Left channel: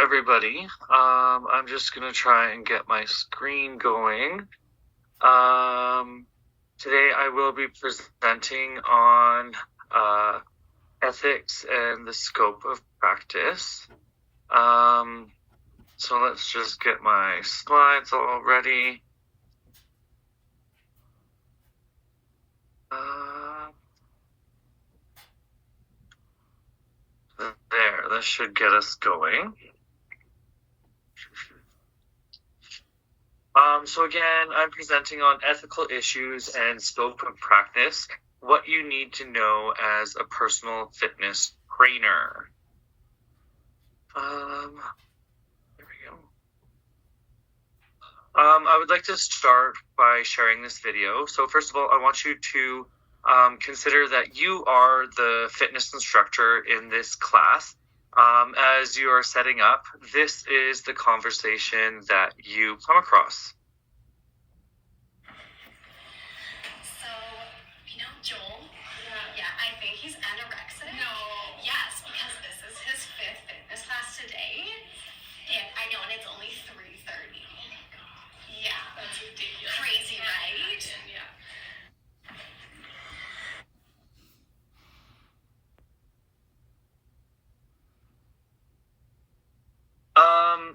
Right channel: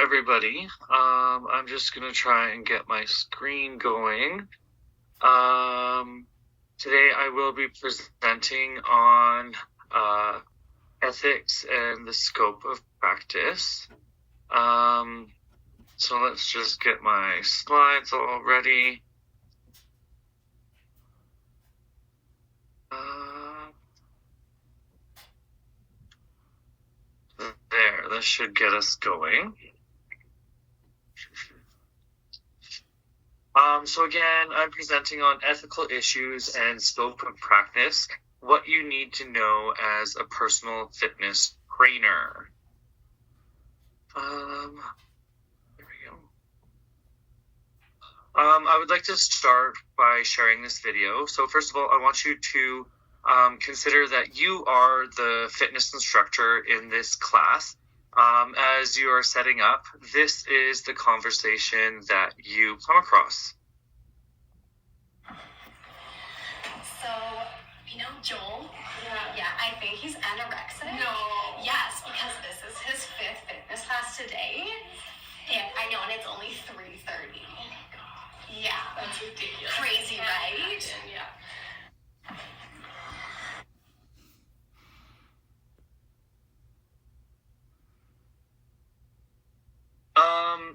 everybody. I'm just gonna try and get my screen going. Today I will be presenting on ethics and the scope of practice. So let's just get my slides all ready. There, this should get us going. So again, I'm presenting on ethical issues and scope of practice, what you need to know as a personal fitness trainer. There we go. I would like to start by sharing this video. So first of all, I want you to consider that you are the fitness instructor in this class. As you are setting up, this is the conversation that you come across. So, Joel? Yeah, I think he's anorexic. No. Yes, because this is his 5th fitness class today. And I know, and it's only 3:30. Yeah. That's ridiculous. Crazy, right? Yeah.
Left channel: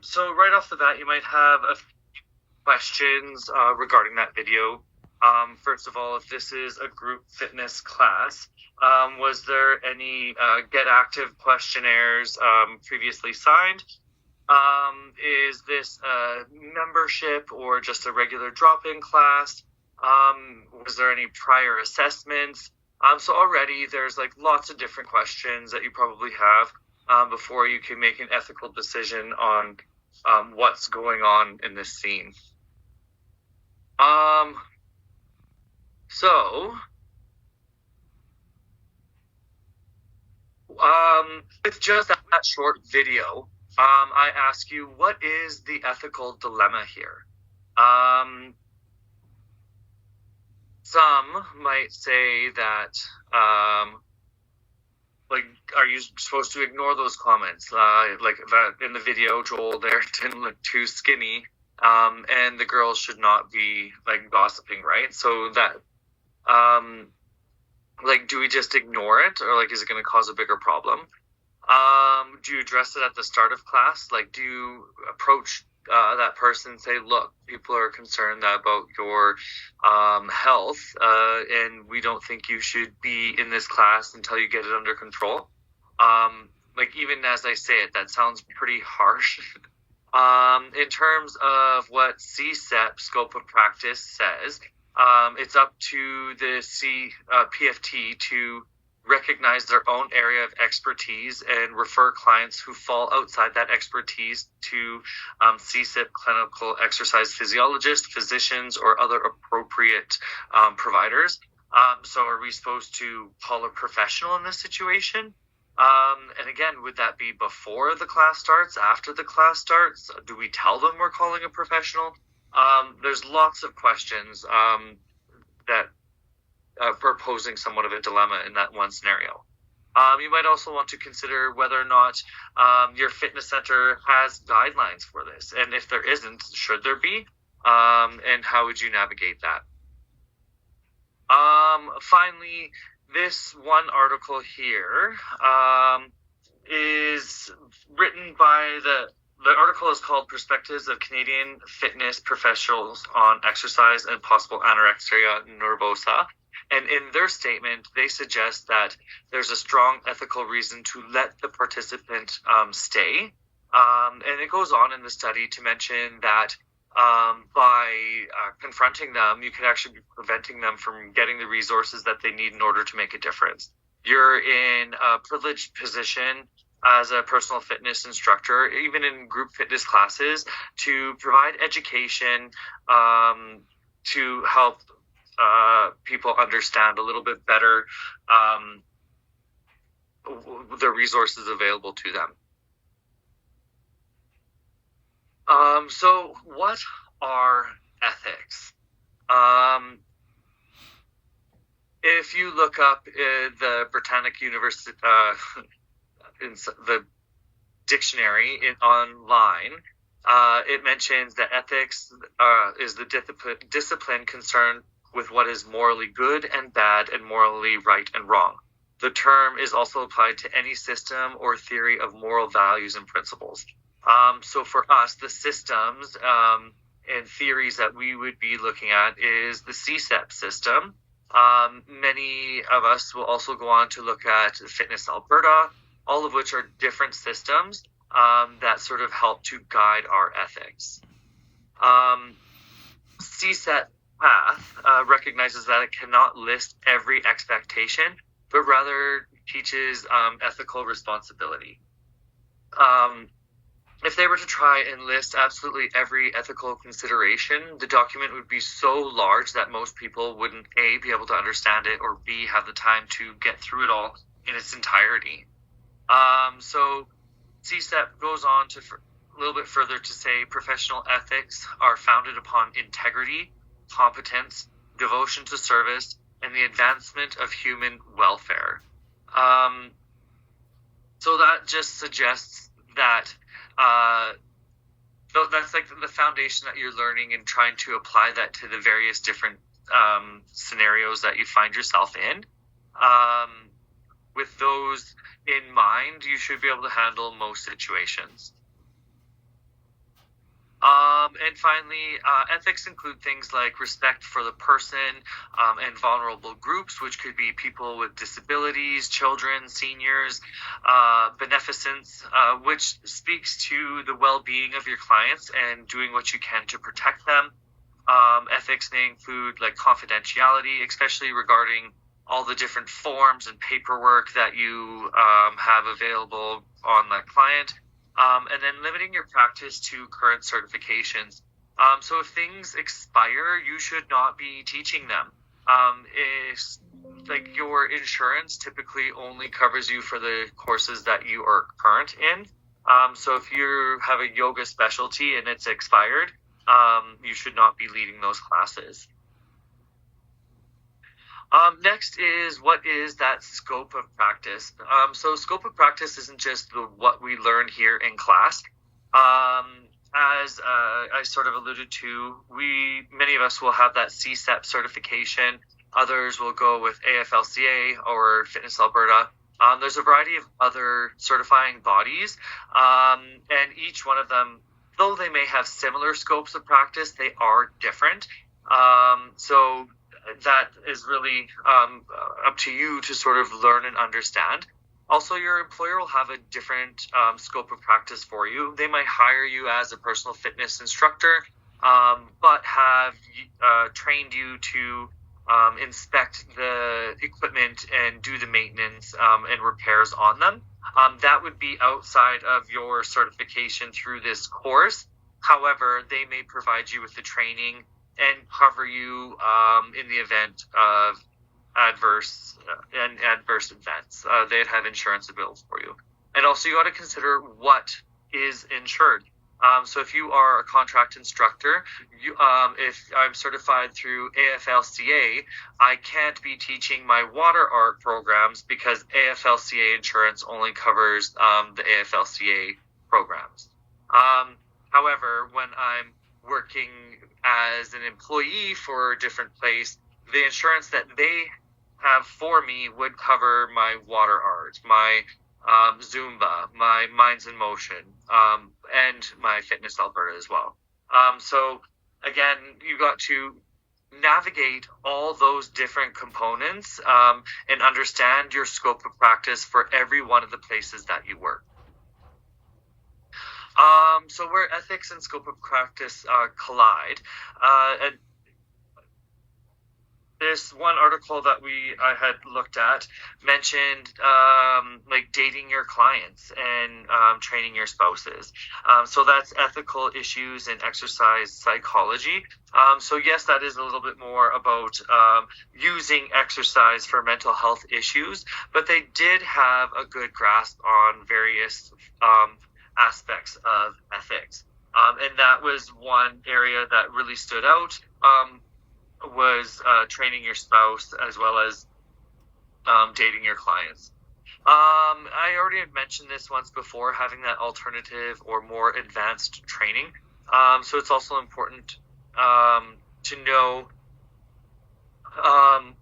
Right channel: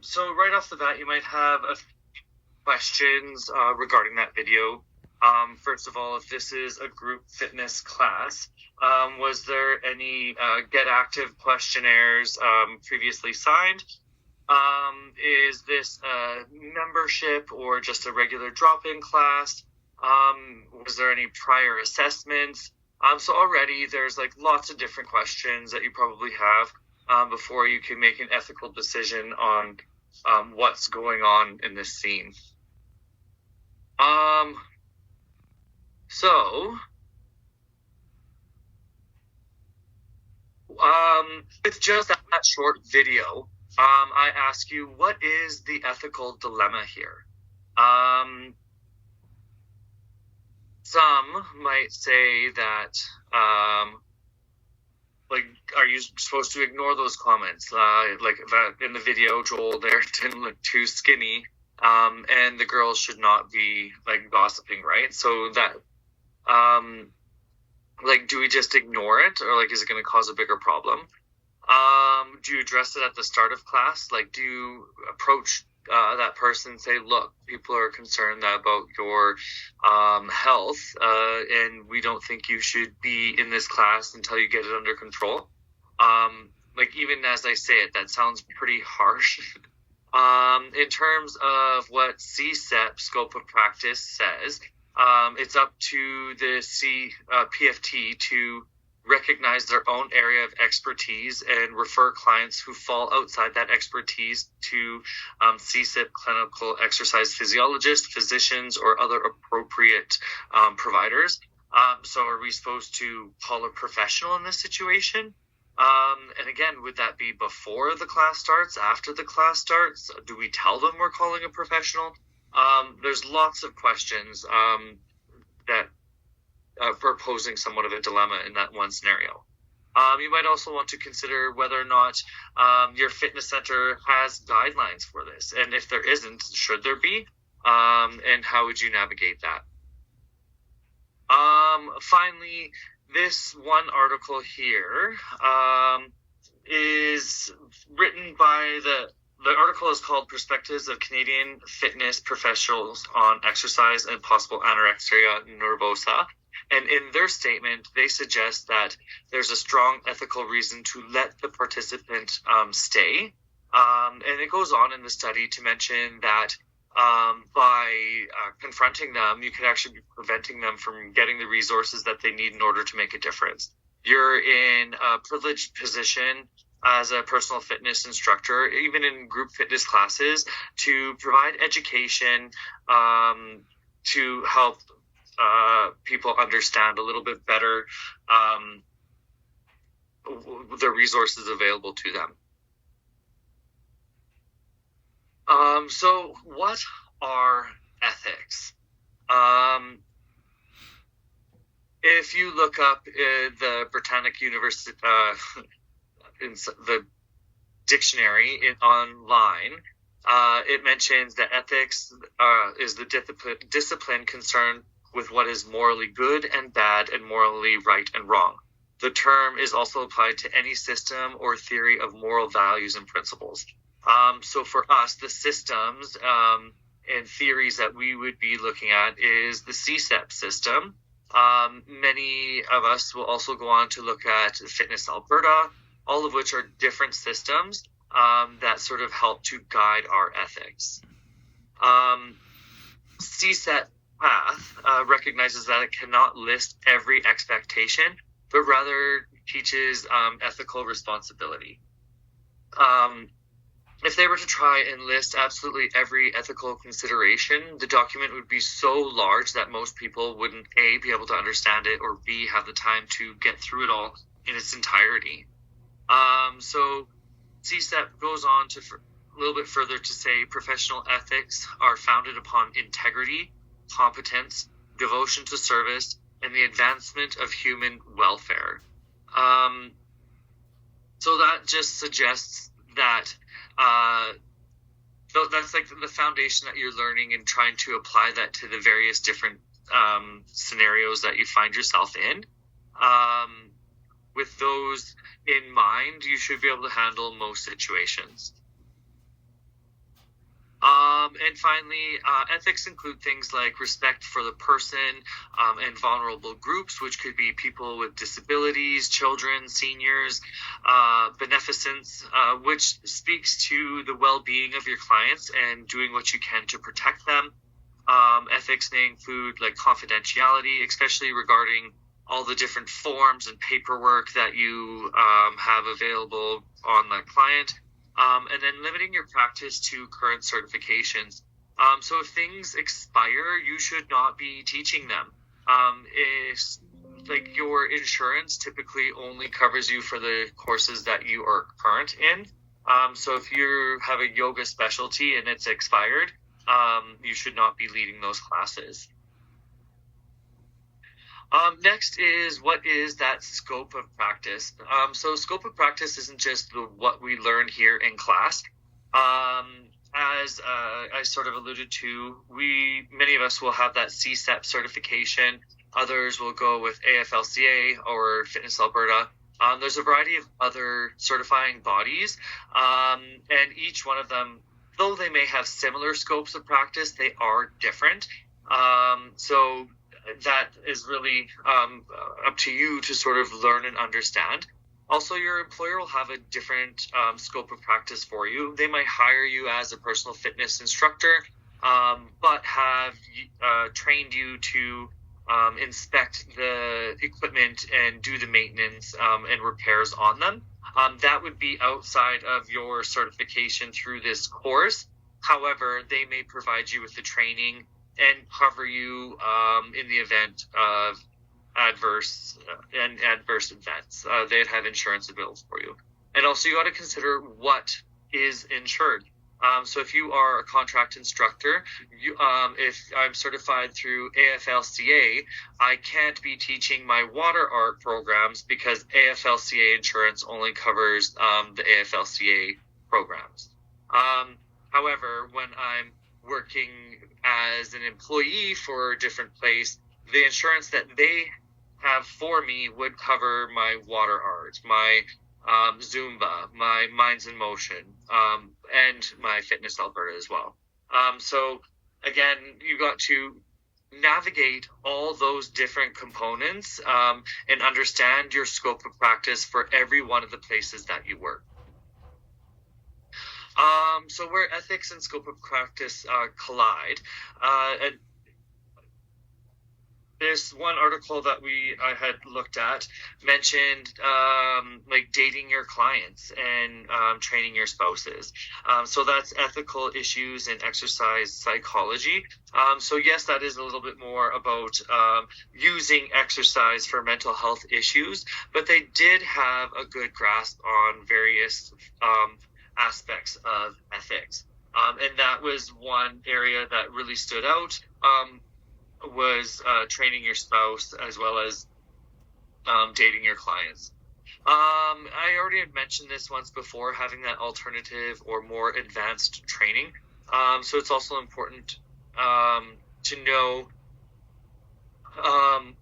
So right off the bat, you might have questions regarding that video. First of all, if this is a group fitness class, was there any Get Active questionnaires previously signed? Is this a membership or just a regular drop-in class? Was there any prior assessments? So already there's like lots of different questions that you probably have before you can make an ethical decision on what's going on in this scene. With just that short video, I ask you, what is the ethical dilemma here? Some might say that, are you supposed to ignore those comments? Like that in the video, Joel there didn't look too skinny, and the girls should not be like gossiping, right? So that, do we just ignore it, or is it going to cause a bigger problem? Do you address it at the start of class? Do you approach that person and say, look, people are concerned about your health, and we don't think you should be in this class until you get it under control? Even as I say it, that sounds pretty harsh. In terms of what CSEP, scope of practice, says, it's up to the PFT to recognize their own area of expertise and refer clients who fall outside that expertise to CSIP clinical exercise physiologists, physicians, or other appropriate providers. So are we supposed to call a professional in this situation? And again, would that be before the class starts, after the class starts? Do we tell them we're calling a professional? There's lots of questions that for posing somewhat of a dilemma in that one scenario. You might also want to consider whether or not your fitness center has guidelines for this. And if there isn't, should there be? And how would you navigate that? Finally, this one article here is written by the article is called Perspectives of Canadian Fitness Professionals on Exercise and Possible Anorexia Nervosa. And in their statement, they suggest that there's a strong ethical reason to let the participant stay. And it goes on in the study to mention that by confronting them, you can actually be preventing them from getting the resources that they need in order to make a difference. You're in a privileged position as a personal fitness instructor, even in group fitness classes, to provide education to help people understand a little bit better the resources available to them. So what are ethics? If you look up the Britannic University, in the dictionary online, it mentions that ethics is the discipline concerned with what is morally good and bad and morally right and wrong. The term is also applied to any system or theory of moral values and principles. So for us, the systems and theories that we would be looking at is the CSEP system. Many of us will also go on to look at Fitness Alberta, all of which are different systems that sort of help to guide our ethics. CSEP path recognizes that it cannot list every expectation, but rather teaches ethical responsibility. If they were to try and list absolutely every ethical consideration, the document would be so large that most people wouldn't A, be able to understand it, or B, have the time to get through it all in its entirety. So CSEP goes on to a little bit further to say professional ethics are founded upon integrity, competence, devotion to service, and the advancement of human welfare. So that just suggests that that's like the foundation that you're learning and trying to apply that to the various different scenarios that you find yourself in. With those in mind, you should be able to handle most situations. And finally, ethics include things like respect for the person and vulnerable groups, which could be people with disabilities, children, seniors, beneficence, which speaks to the well-being of your clients and doing what you can to protect them. Ethics may include like confidentiality, especially regarding all the different forms and paperwork that you have available on that client. And then limiting your practice to current certifications. So if things expire, you should not be teaching them. If like your insurance typically only covers you for the courses that you are current in. So if you have a yoga specialty and it's expired, you should not be leading those classes. Next is, what is that scope of practice? So scope of practice isn't just what we learn here in class. As I sort of alluded to, many of us will have that CSEP certification. Others will go with AFLCA or Fitness Alberta. There's a variety of other certifying bodies, and each one of them, though they may have similar scopes of practice, they are different. So that is really up to you to sort of learn and understand. Also, your employer will have a different scope of practice for you. They might hire you as a personal fitness instructor, but have trained you to inspect the equipment and do the maintenance and repairs on them. That would be outside of your certification through this course. However, they may provide you with the training and cover you in the event of adverse events. They'd have insurance available for you. And also you got to consider what is insured. So if you are a contract instructor, if I'm certified through AFLCA, I can't be teaching my water art programs because AFLCA insurance only covers the AFLCA programs. However, when I'm working as an employee for a different place, the insurance that they have for me would cover my water art, my Zumba, my Minds in Motion, and my Fitness Alberta as well. So again, you got to navigate all those different components and understand your scope of practice for every one of the places that you work. So where ethics and scope of practice collide, and this one article that I had looked at mentioned like dating your clients and training your spouses. So that's ethical issues in exercise psychology. So yes, that is a little bit more about using exercise for mental health issues, but they did have a good grasp on various aspects of ethics. And that was one area that really stood out, was training your spouse as well as dating your clients. I already had mentioned this once before, having that alternative or more advanced training. So it's also important to know um,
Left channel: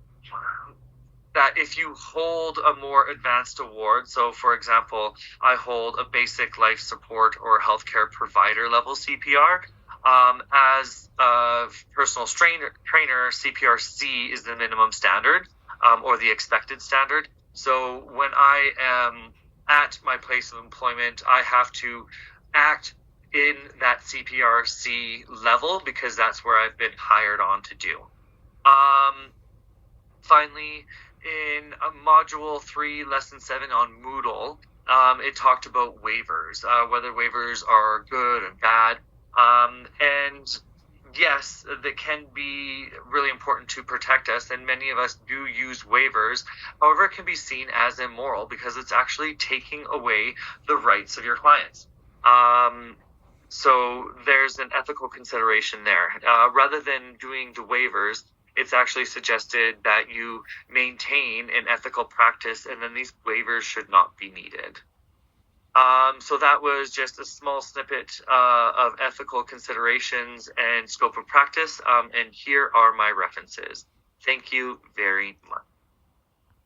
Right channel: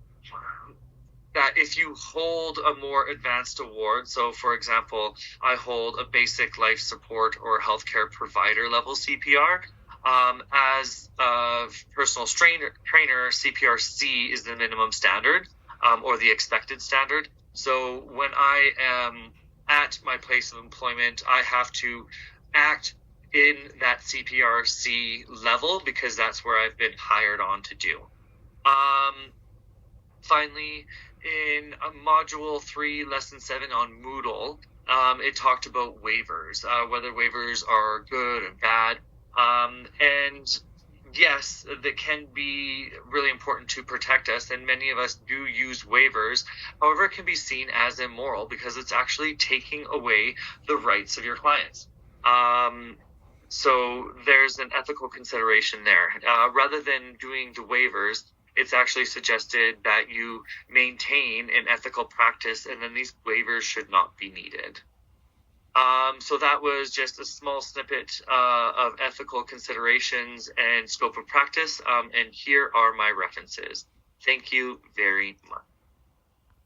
that if you hold a more advanced award, so for example, I hold a basic life support or healthcare provider level CPR. As a personal trainer, CPR C is the minimum standard or the expected standard. So when I am at my place of employment, I have to act in that CPR C level because that's where I've been hired on to do. Finally, in module 3, lesson 7 on Moodle, it talked about waivers, whether waivers are good and bad. And yes, they can be really important to protect us, and many of us do use waivers. However, it can be seen as immoral because it's actually taking away the rights of your clients. So there's an ethical consideration there. Rather than doing the waivers, it's actually suggested that you maintain an ethical practice, and then these waivers should not be needed. So that was just a small snippet of ethical considerations and scope of practice, and here are my references. Thank you very much.